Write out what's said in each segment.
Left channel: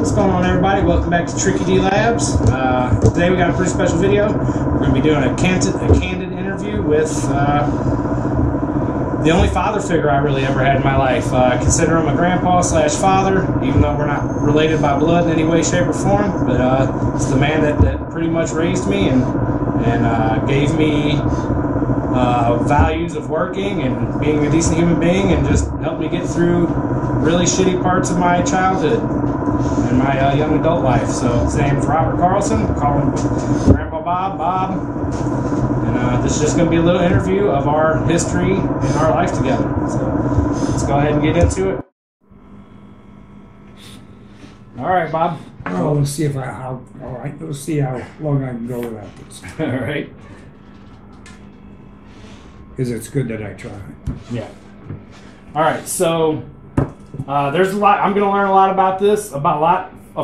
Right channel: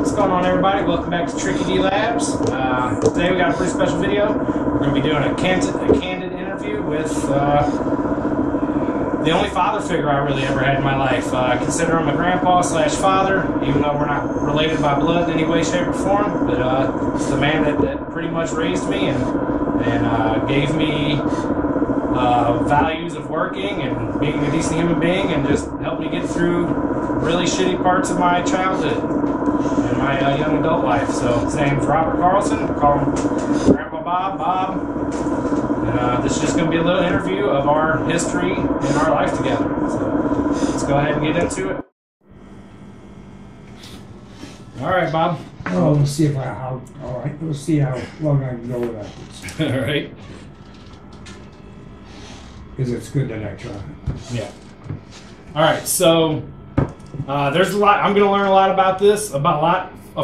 What's going on, everybody? Welcome back to Tricky D Labs. Today we got a pretty special video. We're going to be doing a candid interview with the only father figure I really ever had in my life. Consider him a grandpa slash father, even though we're not related by blood in any way, shape, or form. But it's the man that pretty much raised me and gave me values of working and being a decent human being, and just helped me get through really shitty parts of my childhood and my young adult life. So his name's Robert Carlson. Call him Grandpa Bob. And this is just going to be a little interview of our history and our life together. So let's go ahead and get into it. All right, Bob. Oh, let's see all right. Let's see how long I can go without this. All right. Because it's good that I try. Yeah. All right. So there's a lot. I'm going to learn a lot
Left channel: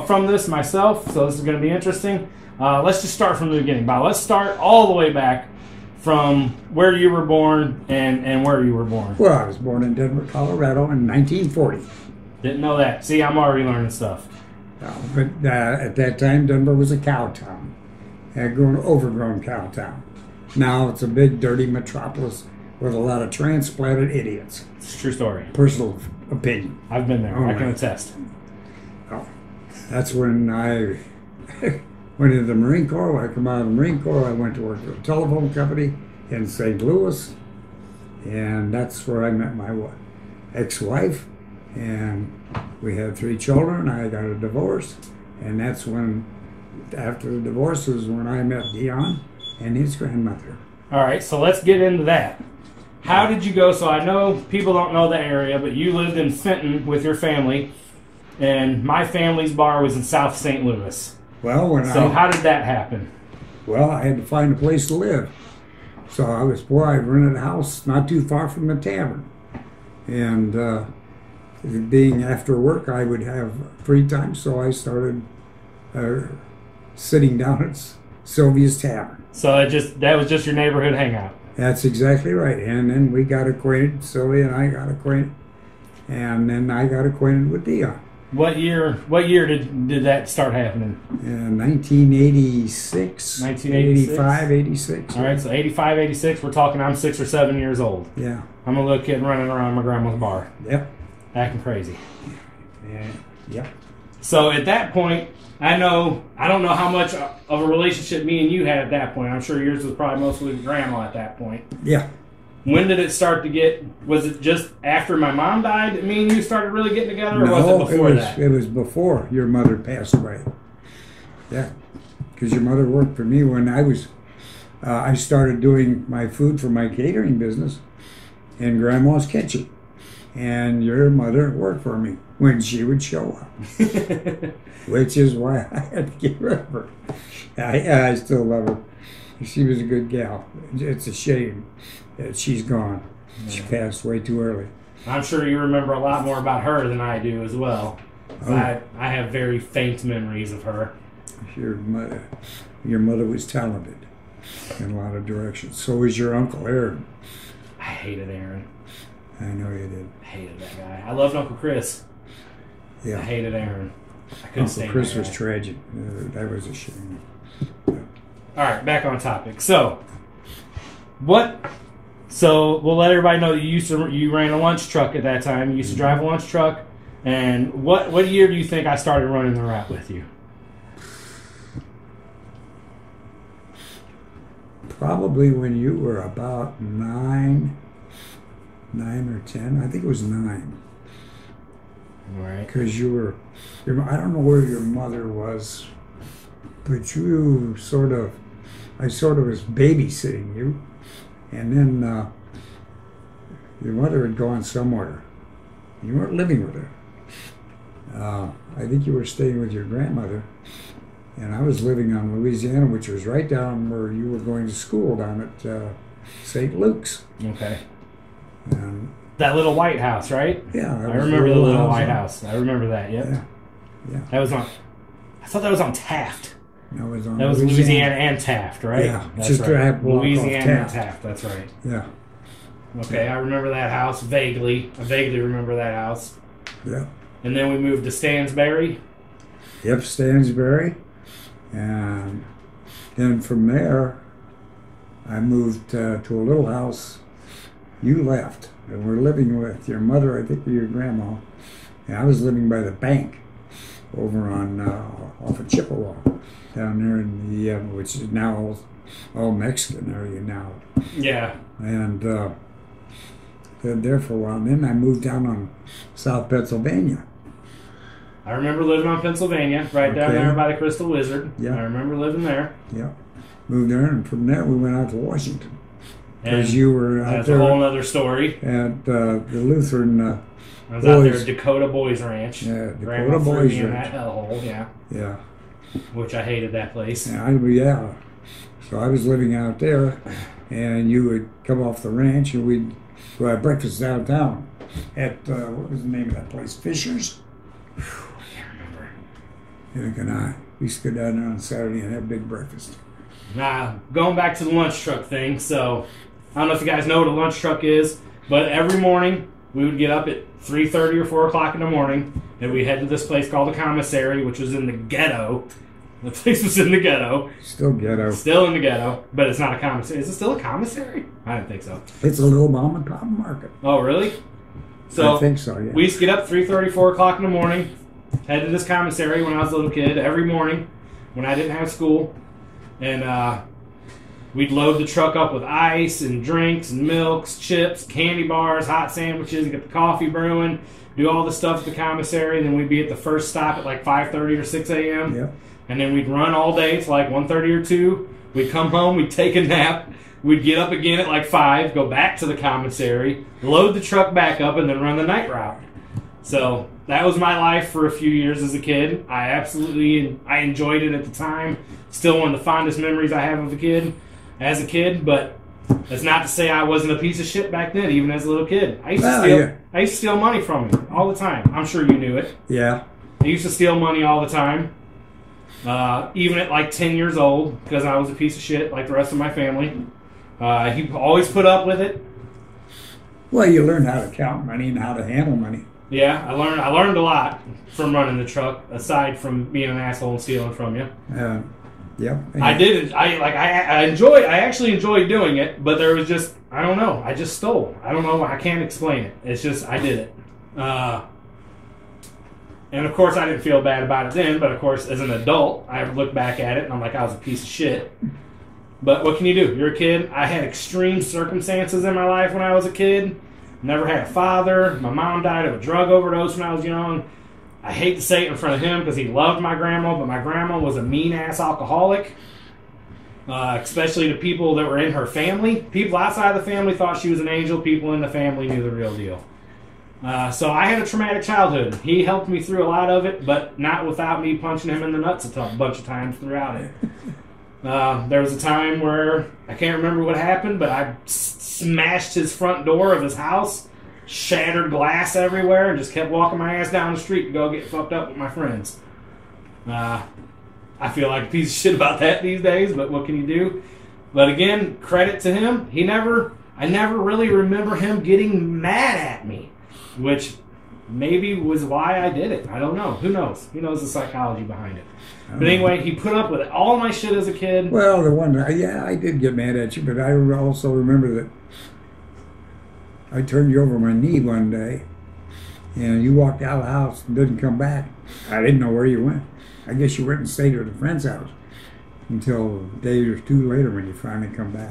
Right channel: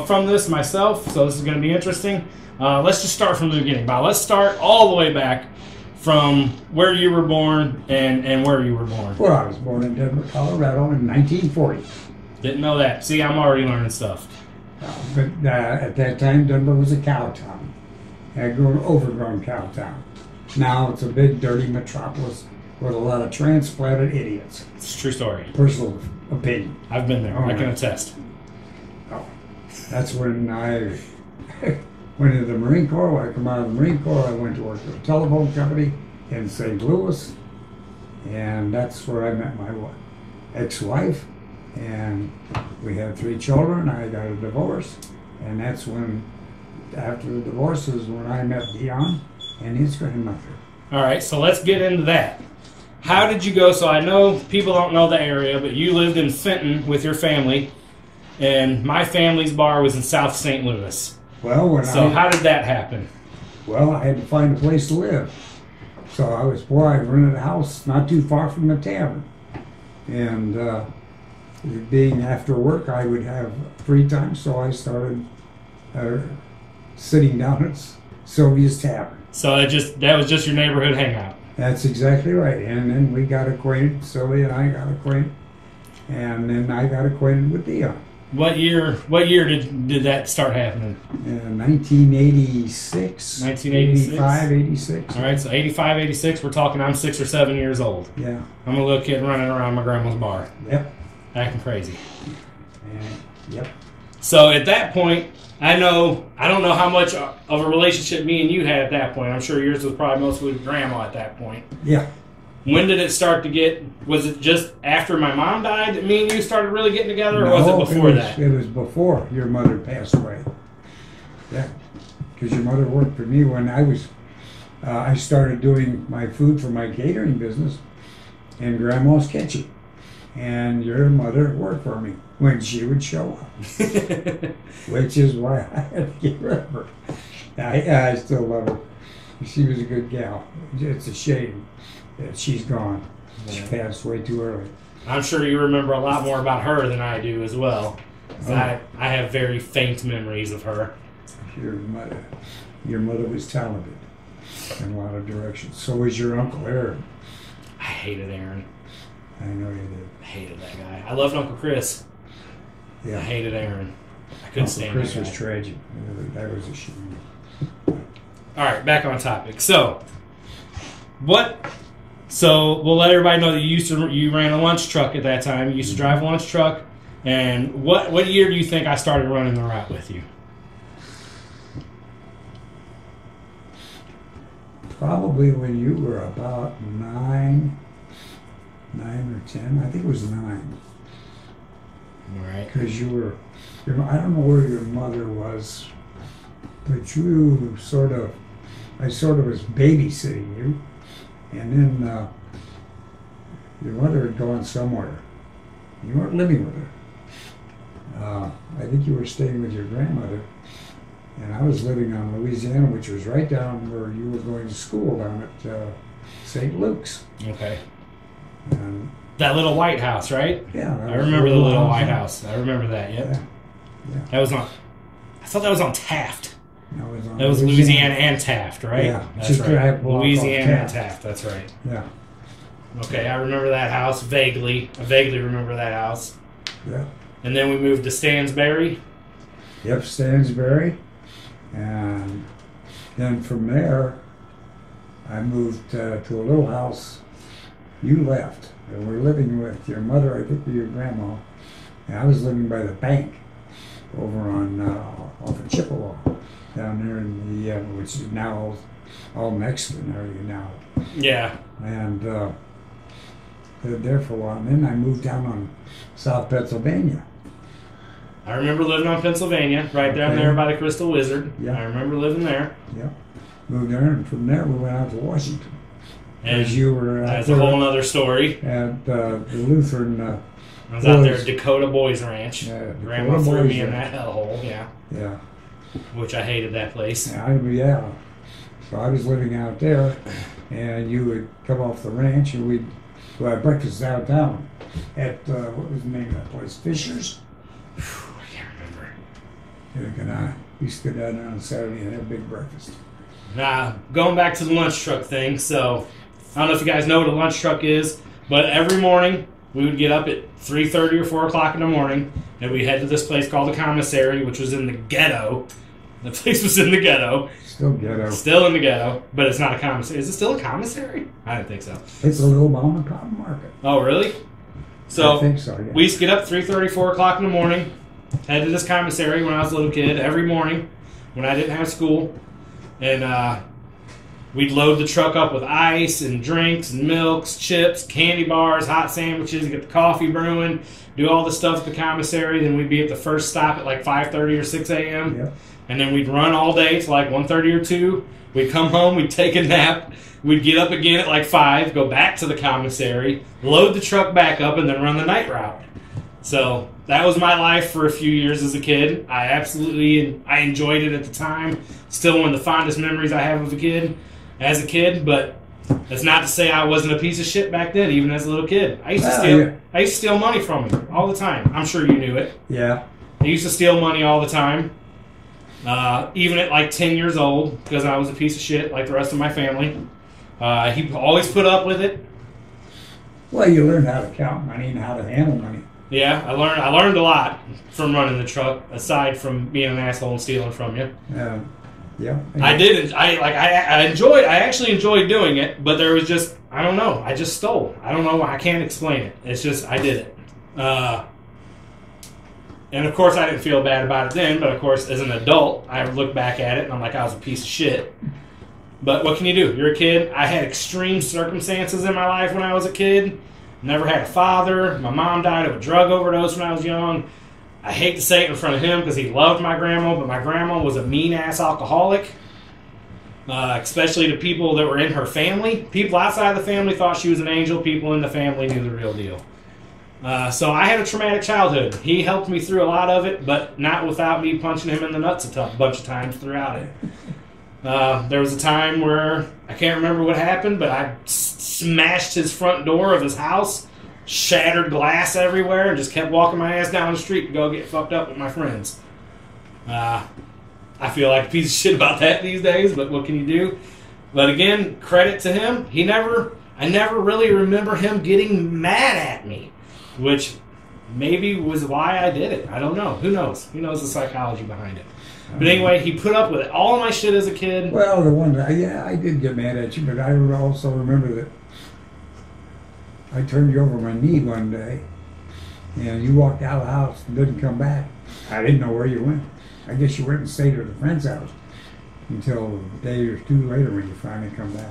from this myself. So this is going to be interesting. Let's just start from the beginning, Bob. Let's start all the way back from where you were born and where you were born. Well, I was born in Denver, Colorado in 1940. Didn't know that. See, I'm already learning stuff. But at that time, Denver was a cow town. Overgrown cow town. Now it's a big, dirty metropolis with a lot of transplanted idiots. It's a true story. Personal opinion. I've been there. I can attest. Oh, that's when I went into the Marine Corps. When I come out of the Marine Corps, I went to work for a telephone company in St. Louis, and that's where I met my ex-wife, and we had 3 children. I got a divorce, and that's when, after the divorce, is when I met Dion and his grandmother. All right, so let's get into that. How did you go? So I know people don't know the area, but you lived in Fenton with your family, and my family's bar was in South St. Louis. Well, how did that happen? Well, I had to find a place to live. So I was poor. I rented a house not too far from the tavern. And being after work, I would have free time, so I started sitting down at Sylvia's Tavern. So that was just your neighborhood hangout? That's exactly right. And then we got acquainted, Sylvia and I got acquainted. And then I got acquainted with Dion. What year did that start happening? 1986. 1986? 85, 86. All right, so 85, 86, we're talking I'm 6 or 7 years old. Yeah. I'm a little kid running around my grandma's bar. Yep. Acting crazy. Yep. So at that point, I don't know how much of a relationship me and you had at that point. I'm sure yours was probably mostly with grandma at that point. Yeah. When did it start to get, was it just after my mom died that me and you started really getting together, or was it before that? It was before your mother passed away. Yeah, because your mother worked for me when I started doing my food for my catering business in Grandma's Kitchen. And your mother worked for me when she would show up, which is why I had to get rid of her. I still love her. She was a good gal. It's a shame that she's gone. Yeah. She passed way too early. I'm sure you remember a lot more about her than I do as well. Oh. I have very faint memories of her. Your mother was talented in a lot of directions. So was your Uncle Aaron. I hated Aaron. I know you did. I hated that guy. I loved Uncle Chris. Yeah. I hated Aaron. I couldn't stand that guy. Chris was tragic. That was a shame. All right, back on topic. So we'll let everybody know that you ran a lunch truck at that time. You used to drive a lunch truck. And what year do you think I started running the route with you? Probably when you were about 9 or 10. I think it was 9. Right. Because I don't know where your mother was, but I sort of was babysitting you. And then your mother had gone somewhere. You weren't living with her. I think you were staying with your grandmother. And I was living on Louisiana, which was right down where you were going to school, down at St. Luke's. Okay. That little white house, right? Yeah. I remember the little white house. I remember that, yep. Yeah. That was on, I thought that was on Taft. No, it was on Louisiana and Taft, right? Yeah. That's right. Louisiana and Taft, that's right. Yeah. Okay, I remember that house vaguely. I vaguely remember that house. Yeah. And then we moved to Stansbury. Yep, Stansbury. And then from there, I moved to a little house. You left, and we're living with your mother, I think, or your grandma. And I was living by the bank over on off of Chippewa, down there in the which is now all Mexican area now. Yeah. And lived there for a while. And then I moved down on South Pennsylvania. I remember living on Pennsylvania, right down Okay. there by the Crystal Wizard. Yeah. I remember living there. Yeah, moved there, and from there we went out to Washington. And Because you were out that's a there whole other story. at the Lutheran. I was out there Boys. at Dakota Boys Ranch. Yeah, Grandma Dakota threw Boys me in Ranch. that hellhole, yeah. Yeah, Which I hated that place. yeah. So I was living out there, and you would come off the ranch, and we'd go have breakfast downtown at what was the name of that place? Fisher's. I can't remember. Eric and I used to go down there on Saturday and have a big breakfast. Nah, going back to the lunch truck thing. So I don't know if you guys know what a lunch truck is, but every morning we would get up at 3:30 or 4 o'clock in the morning, and we'd head to this place called the Commissary, which was in the ghetto. The place was in the ghetto. Still ghetto. Still in the ghetto, but it's not a commissary. Is it still a commissary? I didn't think so. It's a little mom and pop market. Oh, really? So I think so, yeah. we used to get up 3:30, 4 o'clock in the morning, head to this commissary when I was a little kid every morning when I didn't have school, and we'd load the truck up with ice and drinks and milks, chips, candy bars, hot sandwiches, get the coffee brewing, do all the stuff at the commissary. Then we'd be at the first stop at like 5:30 or 6 a.m. Yep. And then we'd run all day to like 1:30 or 2. We'd come home, we'd take a nap. We'd get up again at like 5, go back to the commissary, load the truck back up, and then run the night route. So that was my life for a few years as a kid. I enjoyed it at the time. Still one of the fondest memories I have of as a kid, but that's not to say I wasn't a piece of shit back then, even as a little kid. I used to steal money from him all the time. I'm sure you knew it. Yeah. I used to steal money all the time. Even at like 10 years old, because I was a piece of shit like the rest of my family. He always put up with it. Well, you learn how to count money and how to handle money. Yeah, I learned a lot from running the truck, aside from being an asshole and stealing from you. Yep. I actually enjoyed doing it, but there was just, I don't know, I just stole. I don't know, I can't explain it. It's just, I did it. And of course I didn't feel bad about it then, but of course as an adult, I look back at it and I'm like, I was a piece of shit. But what can you do? You're a kid. I had extreme circumstances in my life when I was a kid. Never had a father. My mom died of a drug overdose when I was young. I hate to say it in front of him because he loved my grandma, but my grandma was a mean-ass alcoholic, especially to people that were in her family. People outside of the family thought she was an angel. People in the family knew the real deal. So I had a traumatic childhood. He helped me through a lot of it, but not without me punching him in the nuts a bunch of times throughout it. There was a time where, I can't remember what happened, but I smashed his front door of his house, shattered glass everywhere, and just kept walking my ass down the street to go get fucked up with my friends. I feel like a piece of shit about that these days, but what can you do? But again, credit to him. I never really remember him getting mad at me, which maybe was why I did it. I don't know. Who knows? Who knows the psychology behind it? But anyway, he put up with all of my shit as a kid. Well, I did get mad at you, but I also remember that I turned you over my knee one day, and you walked out of the house and didn't come back. I didn't know where you went. I guess you went and stayed at a friend's house until a day or two later when you finally come back.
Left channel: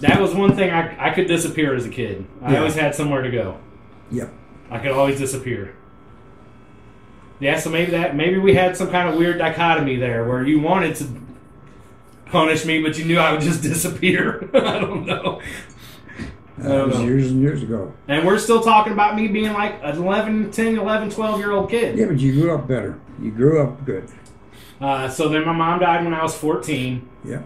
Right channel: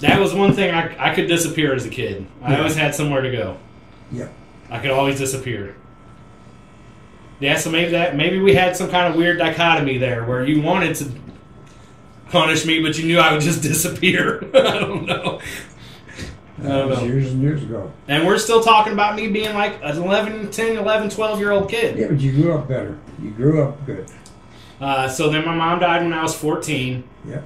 That was one thing I could disappear as a kid. I Yeah. always had somewhere to go. Yep. I could always disappear. Yeah, so maybe we had some kind of weird dichotomy there where you wanted to punish me, but you knew I would just disappear. I don't know. That was years and years ago. And we're still talking about me being like an 11, 12-year-old kid. Yeah, but you grew up better. You grew up good. So then my mom died when I was 14. Yeah.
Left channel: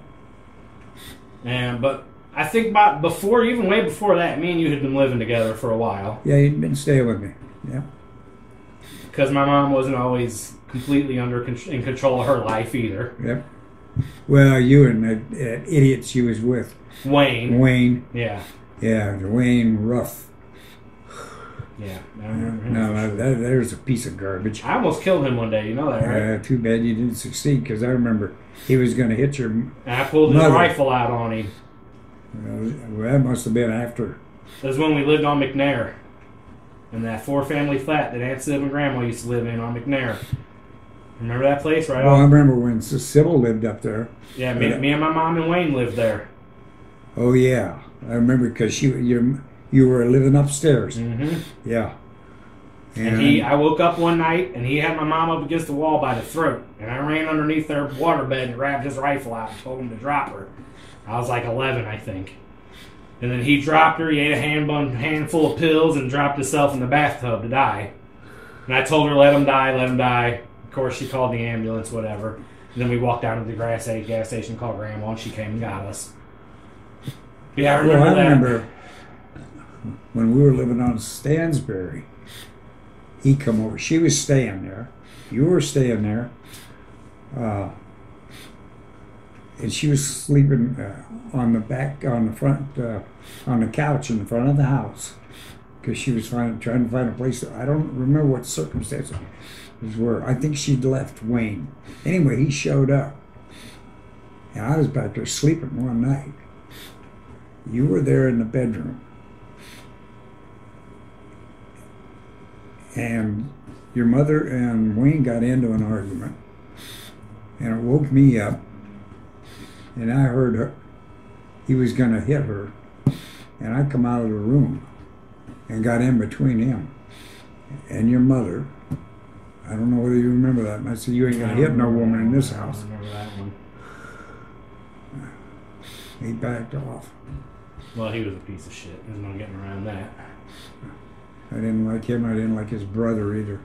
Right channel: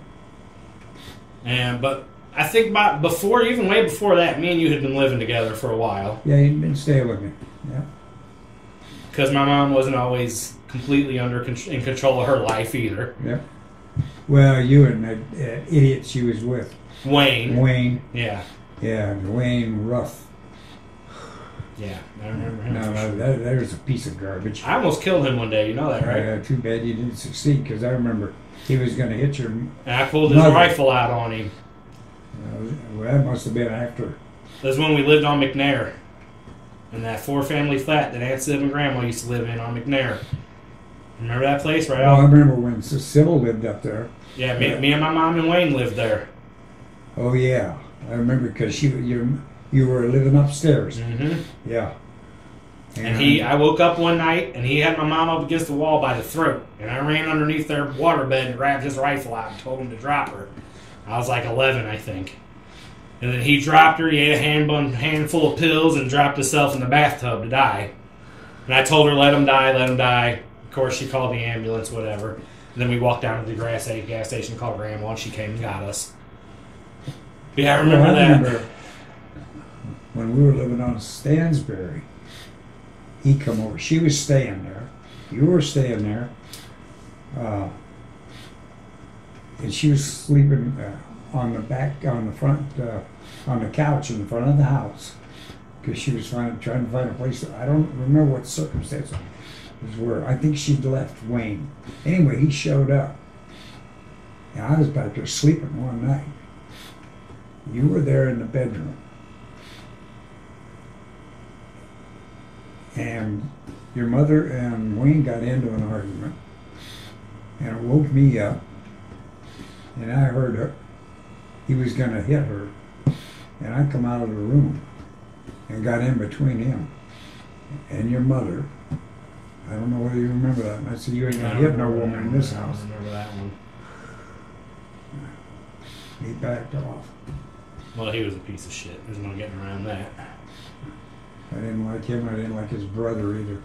But I think way before that, me and you had been living together for a while. Yeah, you'd been staying with me. Yeah. Because my mom wasn't always completely in control of her life either. Yep. Well, you and that idiot she was with. Wayne. Wayne. Yeah. Yeah, Wayne Ruff. Yeah, I remember him. No, for sure. that was a piece of garbage. I almost killed him one day. You know that, right? Too bad you didn't succeed, because I remember he was going to hit your. And I pulled his mother. rifle out on him. Well, that must have been after. That was when we lived on McNair. In that 4-family flat that Aunt Sib and Grandma used to live in on McNair. Remember that place right Well, I out? remember when Sybil lived up there. Yeah, me and my mom and Wayne lived there. Oh yeah, I remember because you were living upstairs. Mm-hmm. Yeah. And I woke up one night and he had my mom up against the wall by the throat. And I ran underneath their waterbed and grabbed his rifle out and told him to drop her. I was like 11, I think. And then he dropped her, he ate a handful of pills and dropped himself in the bathtub to die. And I told her, let him die, let him die. Of course, she called the ambulance, whatever. And then we walked down to the gas station, called Grandma, and she came and got us. Yeah, I remember I that. remember when we were living on Stansbury, he come over. She was staying there. You were staying there. And she was sleeping on the couch in the front of the house, because she was trying to find a place. I don't remember what circumstances were. I think she'd left Wayne. Anyway, he showed up. And I was back there sleeping one night. You were there in the bedroom. And your mother and Wayne got into an argument. And it woke me up. And I heard her. He was going to hit her. And I come out of the room and got in between him and your mother. I don't know whether you remember that. And I said, you ain't going to hit no woman in this house. I remember that one. He backed off. Well, he was a piece of shit. There's no getting around that. I didn't like him. I didn't like his brother either.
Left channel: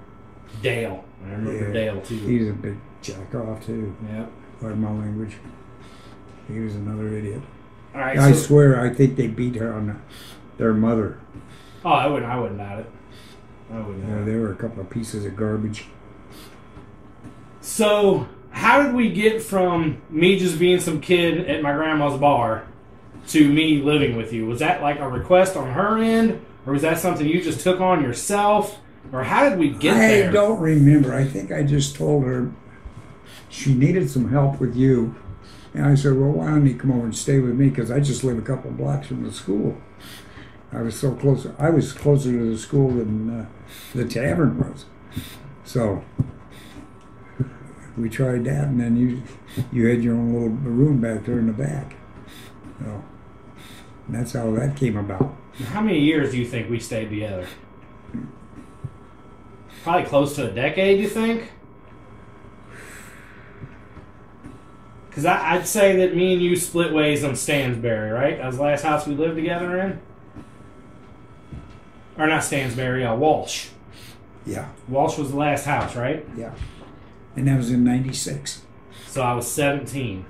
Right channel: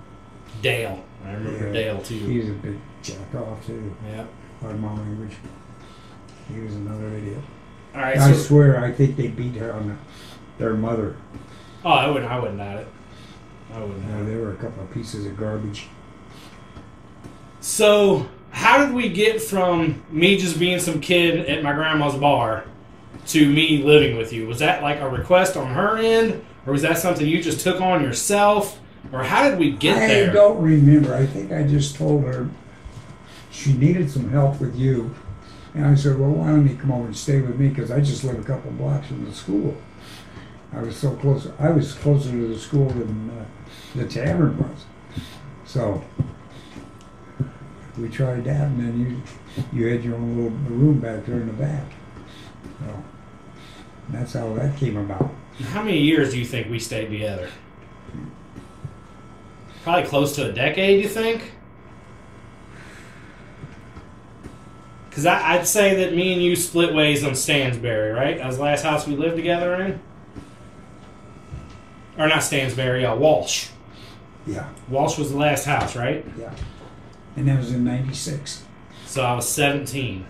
Dale. I remember Dale, too. He's a big jack off, too. Yep. By my language. He was another idiot. All right, I swear, I think they beat her on their mother. Oh, I wouldn't doubt it. I wouldn't doubt it. They were a couple of pieces of garbage. So, how did we get from me just being some kid at my grandma's bar to me living with you? Was that like a request on her end? Or was that something you just took on yourself? Or how did we get there? I don't remember. I think I just told her she needed some help with you. And I said, well, why don't you come over and stay with me? Because I just live a couple of blocks from the school. I was so close. I was closer to the school than the tavern was. So we tried that, and then you had your own little room back there in the back. So that's how that came about. How many years do you think we stayed together? Probably close to a decade, you think? Because I'd say that me and you split ways on Stansbury, right? That was the last house we lived together in. Or not Stansbury, Walsh. Yeah. Walsh was the last house, right? Yeah. And that was in 96. So I was 17.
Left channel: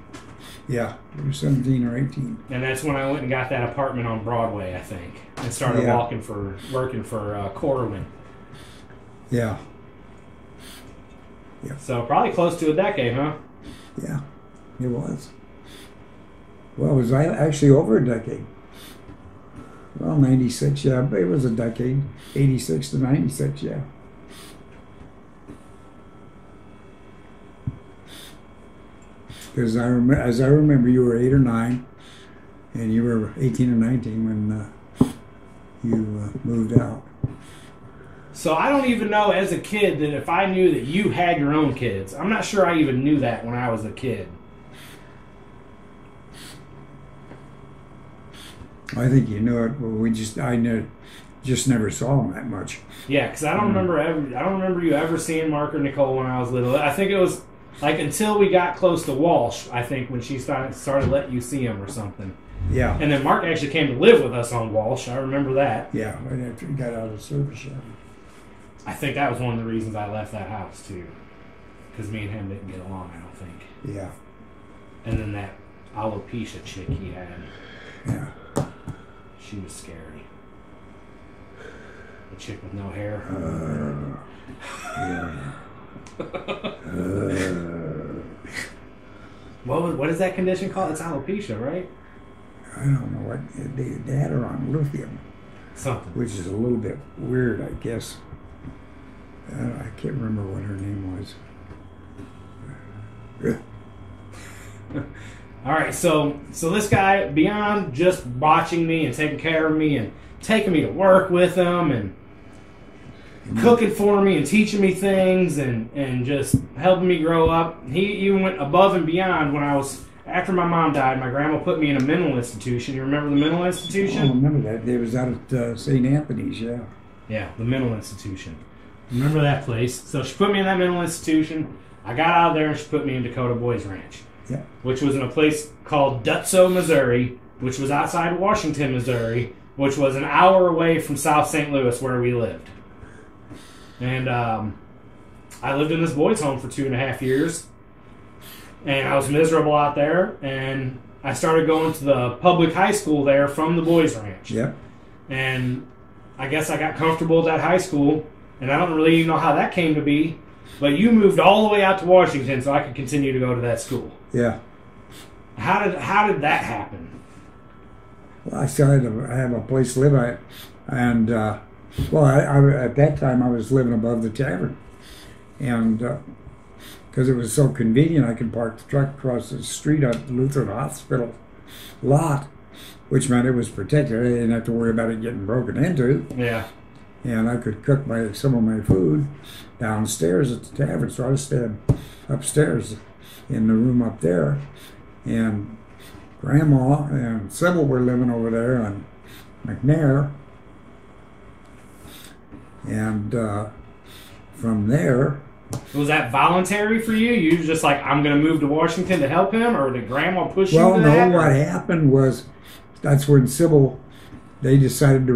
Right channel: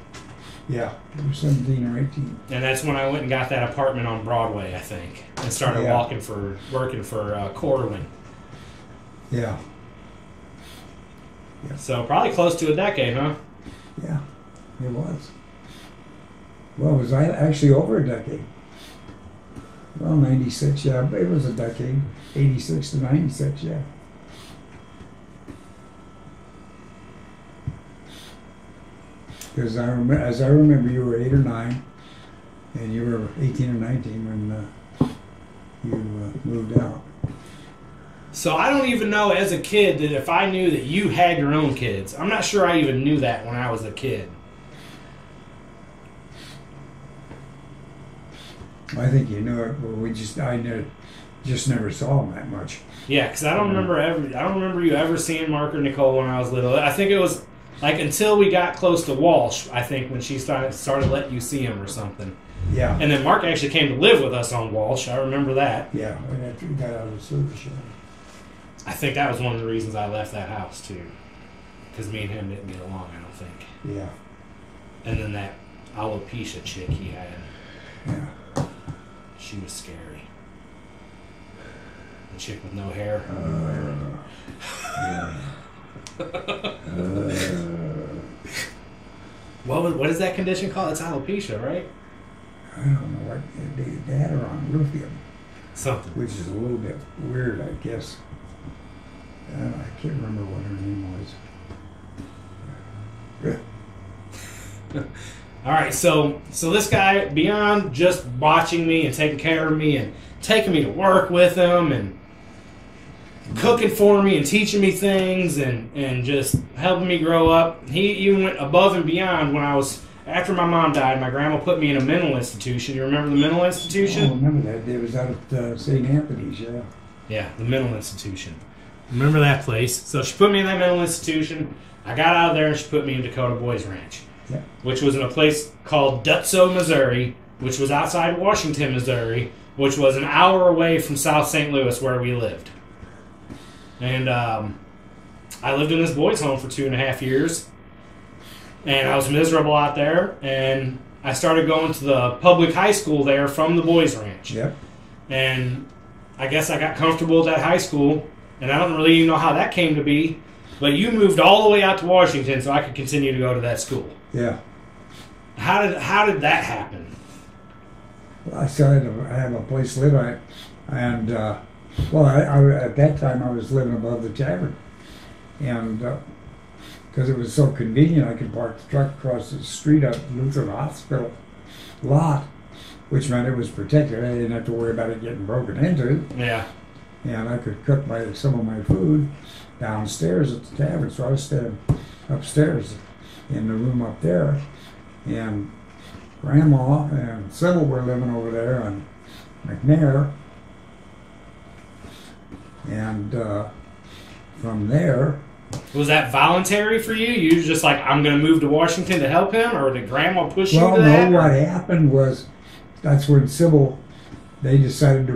Yeah. You were 17 or 18. And that's when I went and got that apartment on Broadway, I think. And started working for Corwin. Yeah. Yeah. So probably close to a decade, huh? Yeah. It was. Well, it was actually over a decade. Well, 96, yeah, but it was a decade. 86 to 96, yeah. Because as I remember, you were 8 or 9, and you were 18 or 19 when you moved out. So I don't even know as a kid that if I knew that you had your own kids. I'm not sure I even knew that when I was a kid. I think you know it, but I just never saw them that much. Yeah, because I don't remember you ever seeing Mark or Nicole when I was little. I think it was like until we got close to Walsh, I think, when she started letting you see him or something. Yeah. And then Mark actually came to live with us on Walsh. I remember that. Yeah, right after he got out of the service shop. I think that was one of the reasons I left that house, too. Because me and him didn't get along, I don't think. Yeah. And then that alopecia chick he had. Yeah. She was scary. The chick with no hair. What is that condition called? It's alopecia, right? I don't know what they had her on lithium. Something. which is a little bit weird, I guess. I can't remember what her name was. All right, so this guy, beyond just watching me and taking care of me and taking me to work with him and cooking for me and teaching me things and just helping me grow up, he even went above and beyond when I was, after my mom died, my grandma put me in a mental institution. You remember the mental institution? I remember that. It was out at St. Anthony's, yeah. Yeah, the mental institution. Remember that place? So she put me in that mental institution. I got out of there and she put me in Dakota Boys Ranch. Yeah. Which was in a place called Dutso, Missouri, which was outside Washington, Missouri, which was an hour away from South St. Louis where we lived. And I lived in this boys' home for 2.5 years. And I was miserable out there. And I started going to the public high school there from the boys' ranch. Yep. And I guess I got comfortable at that high school. And I don't really even know how that came to be. But you moved all the way out to Washington so I could continue to go to that school. Yeah. How did that happen? Well, I have a place to live at, and well, I at that time I was living above the tavern, and because it was so convenient, I could park the truck across the street at Lutheran Hospital lot, which meant it was protected. I didn't have to worry about it getting broken into. Yeah. And I could cook some of my food downstairs at the tavern, so I was staying upstairs in the room up there, and Grandma and Sybil were living over there on McNair, and from there... Was that voluntary for you? You were just like, I'm going to move to Washington to help him, or did Grandma push you to that? Well, no, what happened was, that's when Sybil, they decided to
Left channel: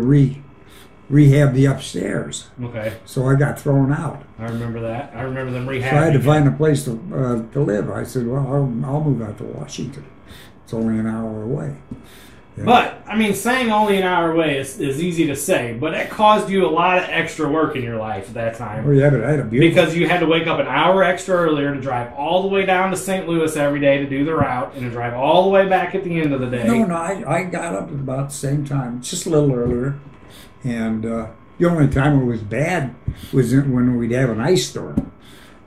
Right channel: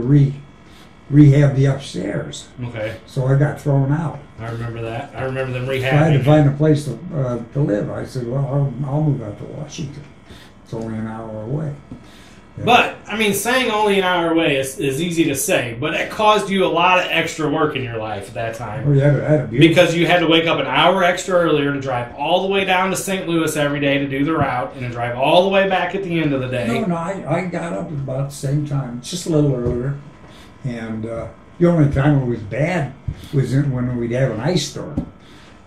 rehab the upstairs. Okay. So I got thrown out. I remember that. I remember them rehabbing. So I had to find a place to live. I said, well, I'll move out to Washington. It's only an hour away. Yeah. But, I mean, saying only an hour away is easy to say, but it caused you a lot of extra work in your life at that time. Oh, yeah, I had a beautiful... Because you had to wake up an hour extra earlier to drive all the way down to St. Louis every day to do the route, and to drive all the way back at the end of the day. No, I got up about the same time, just a little earlier. And the only time it was bad was when we'd have an ice storm.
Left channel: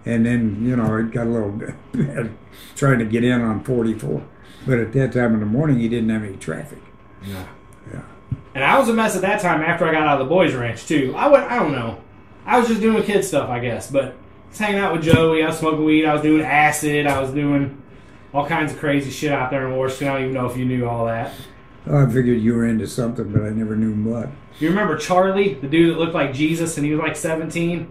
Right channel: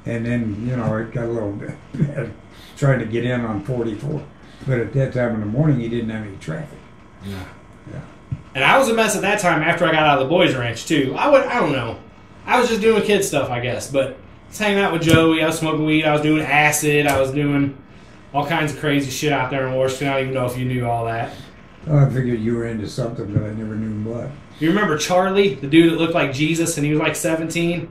And then, you know, it got a little bad trying to get in on 44. But at that time in the morning, you didn't have any traffic. Yeah. Yeah. And I was a mess at that time after I got out of the boys' ranch, too. I don't know. I was just doing kid stuff, I guess. But I was hanging out with Joey. I was smoking weed. I was doing acid. I was doing all kinds of crazy shit out there in Washington. I don't even know if you knew all that. I figured you were into something, but I never knew what. You remember Charlie, the dude that looked like Jesus, and he was like 17?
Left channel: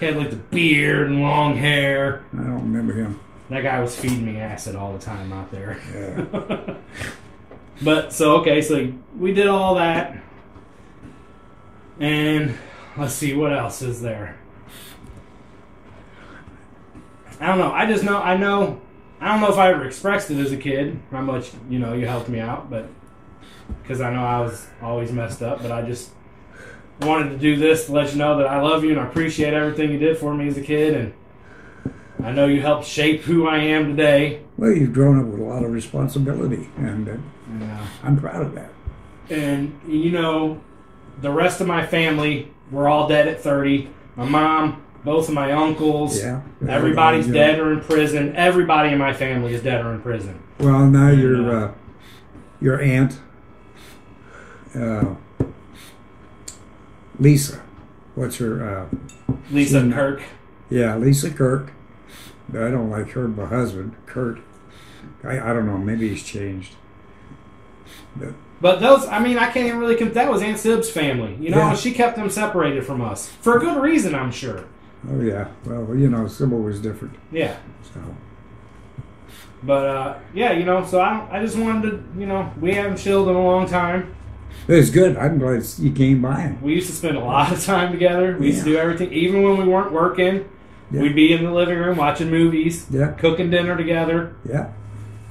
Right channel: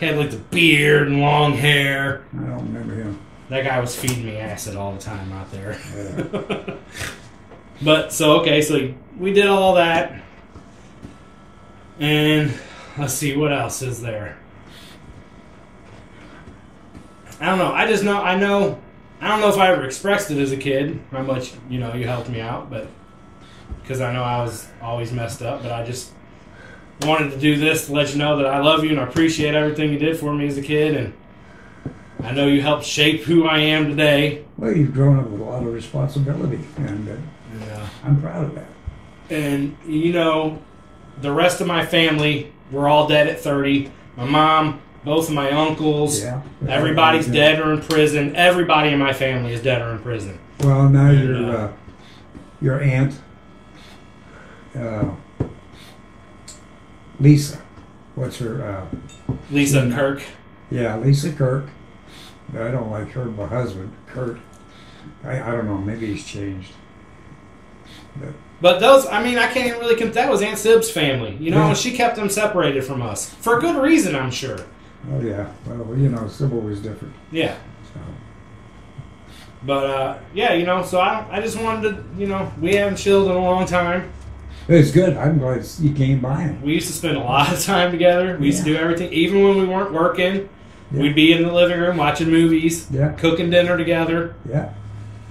He had like the beard and long hair. I don't remember him. That guy was feeding me acid all the time out there. Yeah. But, so, okay, so we did all that. And let's see, what else is there? I don't know. I don't know if I ever expressed it as a kid, how much, you know, you helped me out, but because I know I was always messed up, but I just wanted to do this to let you know that I love you and I appreciate everything you did for me as a kid, and I know you helped shape who I am today. Well, you've grown up with a lot of responsibility, and I'm proud of that. And, you know, the rest of my family were all dead at 30. My mom, both of my uncles, everybody's dead or in prison. Everybody in my family is dead or in prison. Well, now your aunt, Lisa, what's her? Lisa Kirk. Yeah, Lisa Kirk. But I don't like her husband, Kurt. I don't know, maybe he's changed. But those, I mean, I can't even really that was Aunt Sib's family. You know, she kept them separated from us. For a good reason, I'm sure. Oh, yeah. Well, you know, Sybil was different. Yeah. So. But, yeah, you know, so I just wanted to, you know, we haven't chilled in a long time. It was good. I'm glad you came by. We used to spend a lot of time together. We used to do everything. Even when we weren't working, we'd be in the living room watching movies, cooking dinner together. Yeah.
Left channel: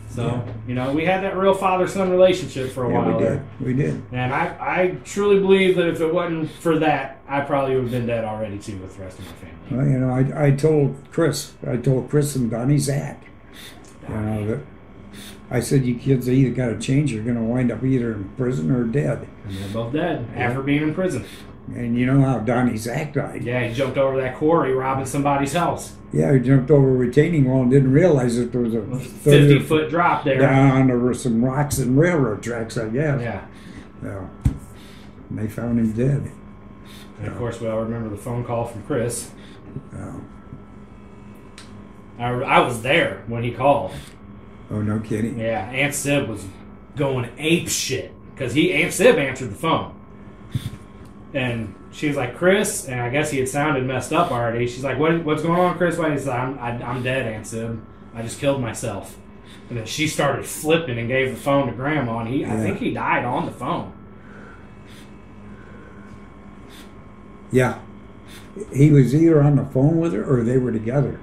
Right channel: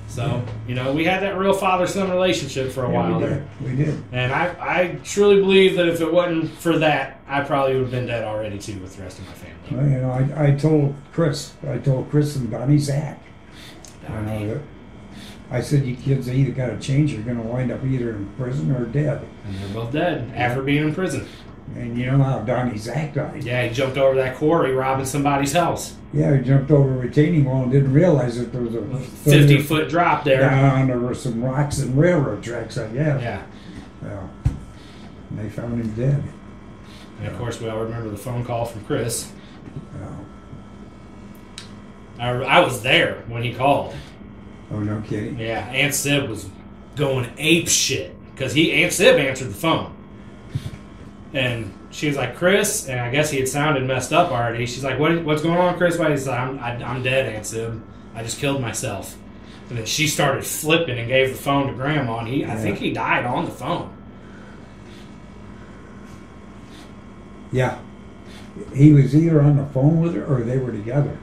So, you know, we had that real father-son relationship for a while there. We did. And I truly believe that if it wasn't for that, I probably would have been dead already, too, with the rest of my family. Well, you know, I told Chris and Donnie Zach, you know, I said, you kids either got to change, you're going to wind up either in prison or dead. And they're both dead after being in prison. And you know how Donnie Zach died. Yeah, he jumped over that quarry robbing somebody's house. Yeah, he jumped over a retaining wall and didn't realize that there was a 50-foot drop there. Down, there were some rocks and railroad tracks, I guess. Yeah. So, and they found him dead. And of course, we all remember the phone call from Chris. So, I was there when he called. oh, no kidding. Yeah, Aunt Sib was going ape shit because Aunt Sib answered the phone. And she was like, Chris, and I guess he had sounded messed up already. She's like, what's going on, Chris? He's like, I'm dead, Aunt Sib. I just killed myself. And then she started flipping and gave the phone to Grandma, and I think he died on the phone. Yeah. He was either on the phone with her or they were together.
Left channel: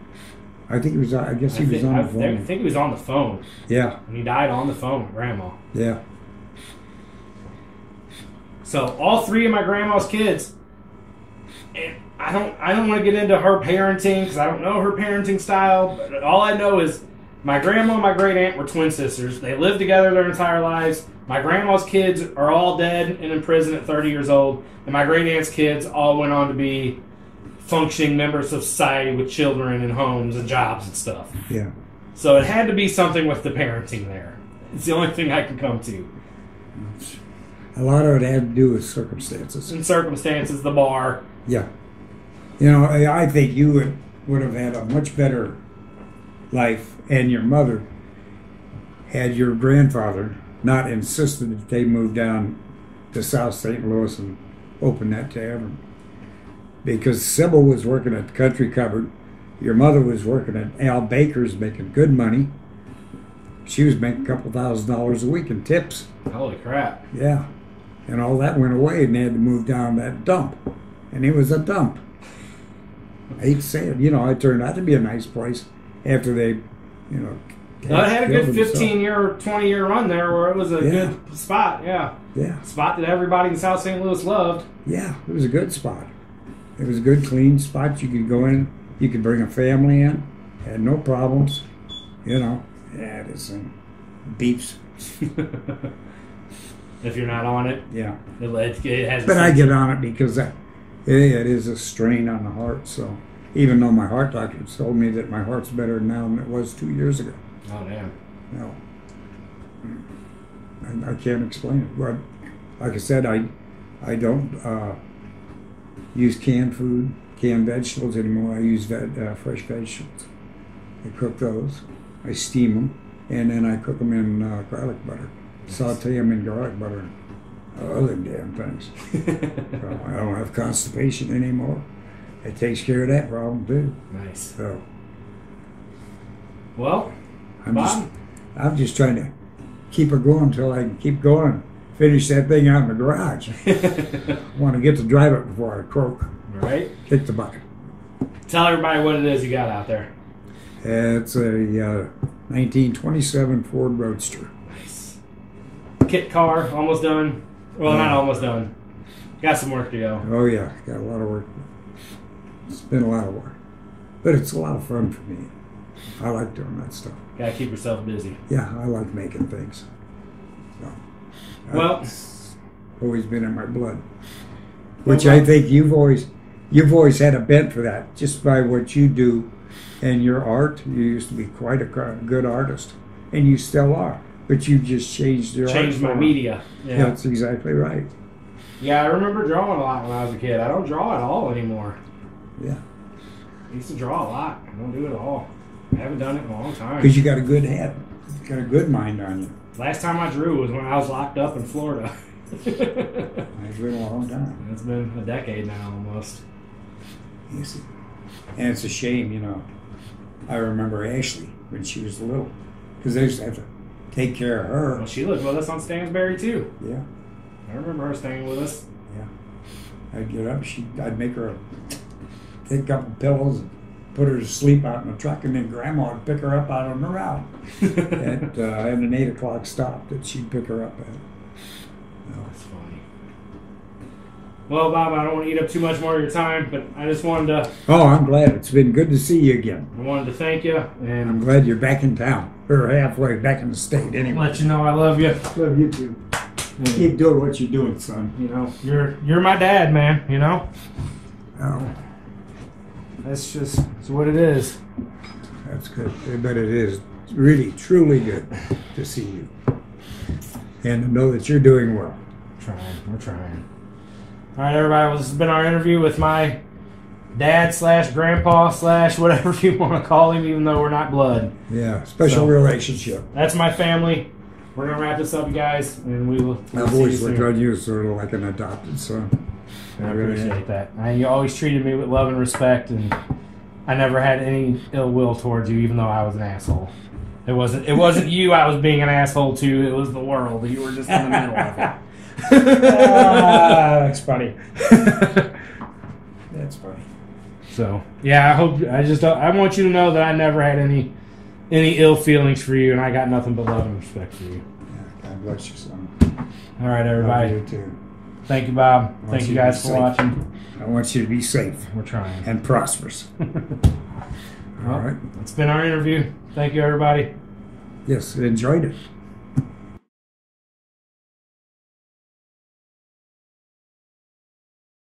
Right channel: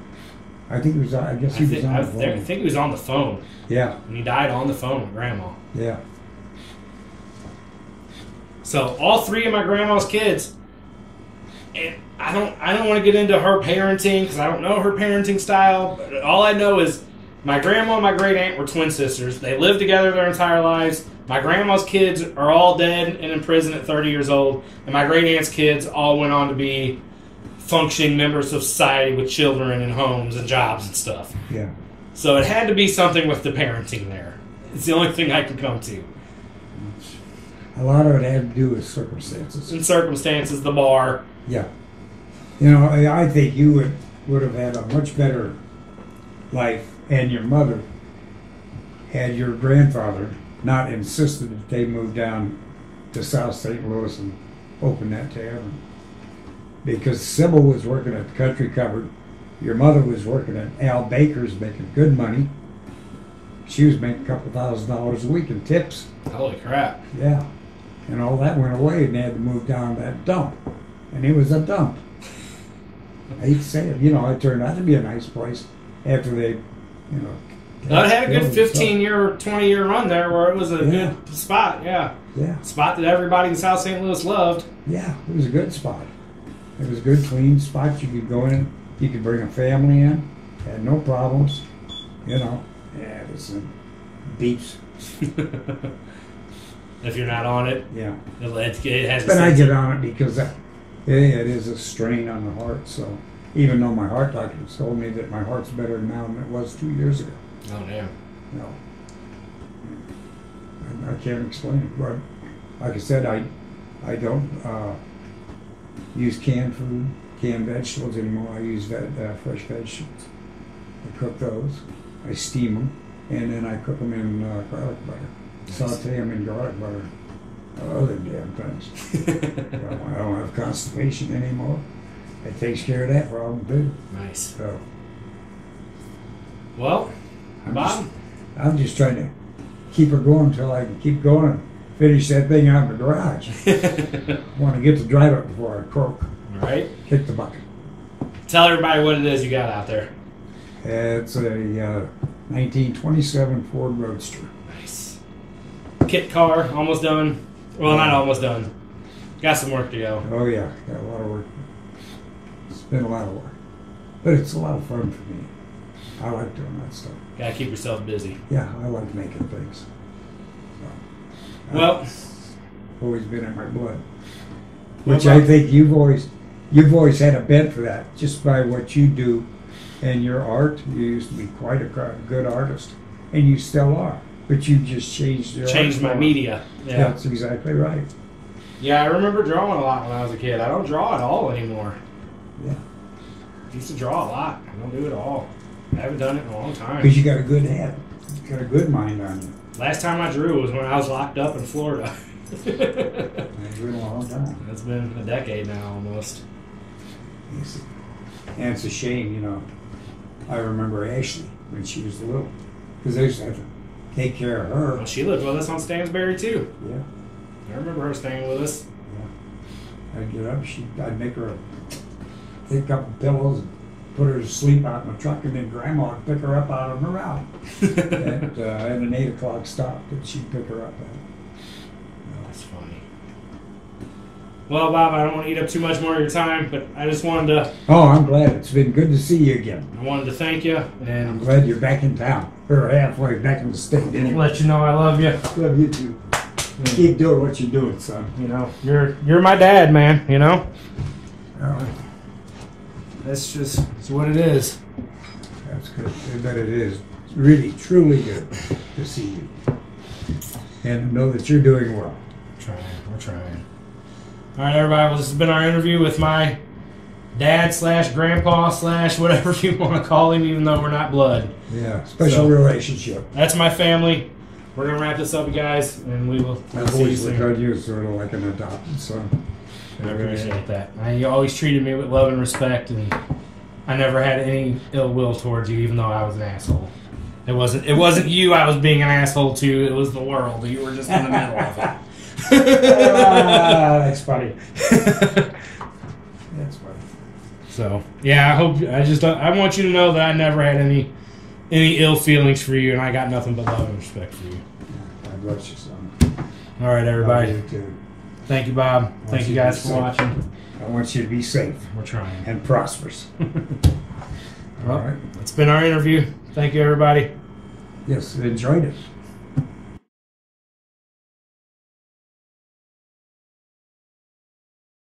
I think he was, I guess he was on the phone. I think he was on the phone. Yeah. And he died on the phone with Grandma. Yeah. So all three of my grandma's kids, and I don't want to get into her parenting because I don't know her parenting style. But all I know is my grandma and my great aunt were twin sisters. They lived together their entire lives. My grandma's kids are all dead and in prison at 30 years old, and my great aunt's kids all went on to be functioning members of society with children and homes and jobs and stuff. Yeah. So it had to be something with the parenting there. It's the only thing I can come to. A lot of it had to do with circumstances. In circumstances, the bar. Yeah. You know, I think you would have had a much better life, and your mother had your grandfather not insisted that they move down to South St. Louis and open that tavern. Because Sybil was working at the Country Cupboard. Your mother was working at Al Baker's making good money. She was making a couple $1,000s a week in tips. Holy crap. Yeah. And all that went away, and they had to move down that dump. And it was a dump. I hate to say it. You know, it turned out to be a nice place after they, you know. Well, it had a good 15-year, 20-year run there where it was a good spot, yeah. Yeah. Spot that everybody in South St. Louis loved. Yeah, it was a good spot. It was a good, clean spot. You could go in. You could bring a family in. Had no problems. You know. Yeah, this thing beeps. If you're not on it. Yeah. It has. But I get on it because it is a strain on the heart. So even though my heart doctor told me that my heart's better now than it was 2 years ago. Oh, damn. No. I can't explain it. But like I said, I don't use canned food, canned vegetables anymore. I use fresh vegetables. I cook those. I steam them, and then I cook them in garlic butter. Nice. Saute them in garlic butter. All them damn things. So I don't have constipation anymore. It takes care of that problem too. Nice. So, well, I'm just trying to keep her going until I can keep going and finish that thing out in the garage. I want to get to drive it before I croak. All right. Kick the bucket. Tell everybody what it is you got out there. It's a 1927 Ford Roadster. Nice. Kit car, almost done. Well, not almost done. Got some work to go. Oh yeah, got a lot of work. It's been a lot of work, but it's a lot of fun for me. I like doing that stuff. Gotta keep yourself busy. Yeah, I like making things. So, well, always been in my blood. Which I think you've always had a bent for that, just by what you do and your art. You used to be quite a good artist, and you still are. But you just changed your changed my media. Yeah, that's exactly right. Yeah, I remember drawing a lot when I was a kid. I don't draw at all anymore. Yeah, I used to draw a lot. I don't do it all. I haven't done it in a long time. Because you got a good head. You got a good mind on you. Last time I drew was when I was locked up in Florida. It's been a long time. It's been a decade now, almost. Yes. And it's a shame, you know. I remember Ashley when she was little, because they used to have to take care of her. Well, she lived with us on Stansbury too. Yeah. I remember her staying with us. Yeah. I'd get up, I'd make her take a couple pillows, put her to sleep out in the truck, and then Grandma would pick her up out on the route. At an 8 o'clock stop that she'd pick her up at. That's funny. Well, Bob, I don't want to eat up too much more of your time, but I just wanted to. Oh, I'm glad. It's been good to see you again. I wanted to thank you and I'm glad you're back in town. Or halfway back in the state anyway. let you know I love you. Love you too. Keep doing what you're doing, son. You know, you're my dad, man. You know, Oh, that's just it's what it is. that's good. I bet it is really, truly good to see you. And to know that you're doing well. We're trying. All right, everybody. Well, this has been our interview with my dad / grandpa / whatever you want to call him, even though we're not blood. Yeah, special So- relationship. That's my family. We're gonna wrap this up, you guys, and we'll I've see you always looked soon. on you as sort of like an adopted son. I appreciate that. You always treated me with love and respect, and I never had any ill will towards you, even though I was an asshole. It wasn't you I was being an asshole to. It was the world. You were just in the middle of it. That's funny. That's funny. So yeah, I want you to know that I never had any ill feelings for you, and I got nothing but love and respect for you. Yeah, God bless you, son. All right, everybody. Love you too. Thank you, Bob. Thank you you to guys be for safe. watching. I want you to be safe We're trying. and prosperous. Well, All right. it's been our interview. Thank you, everybody. Yes, enjoyed it.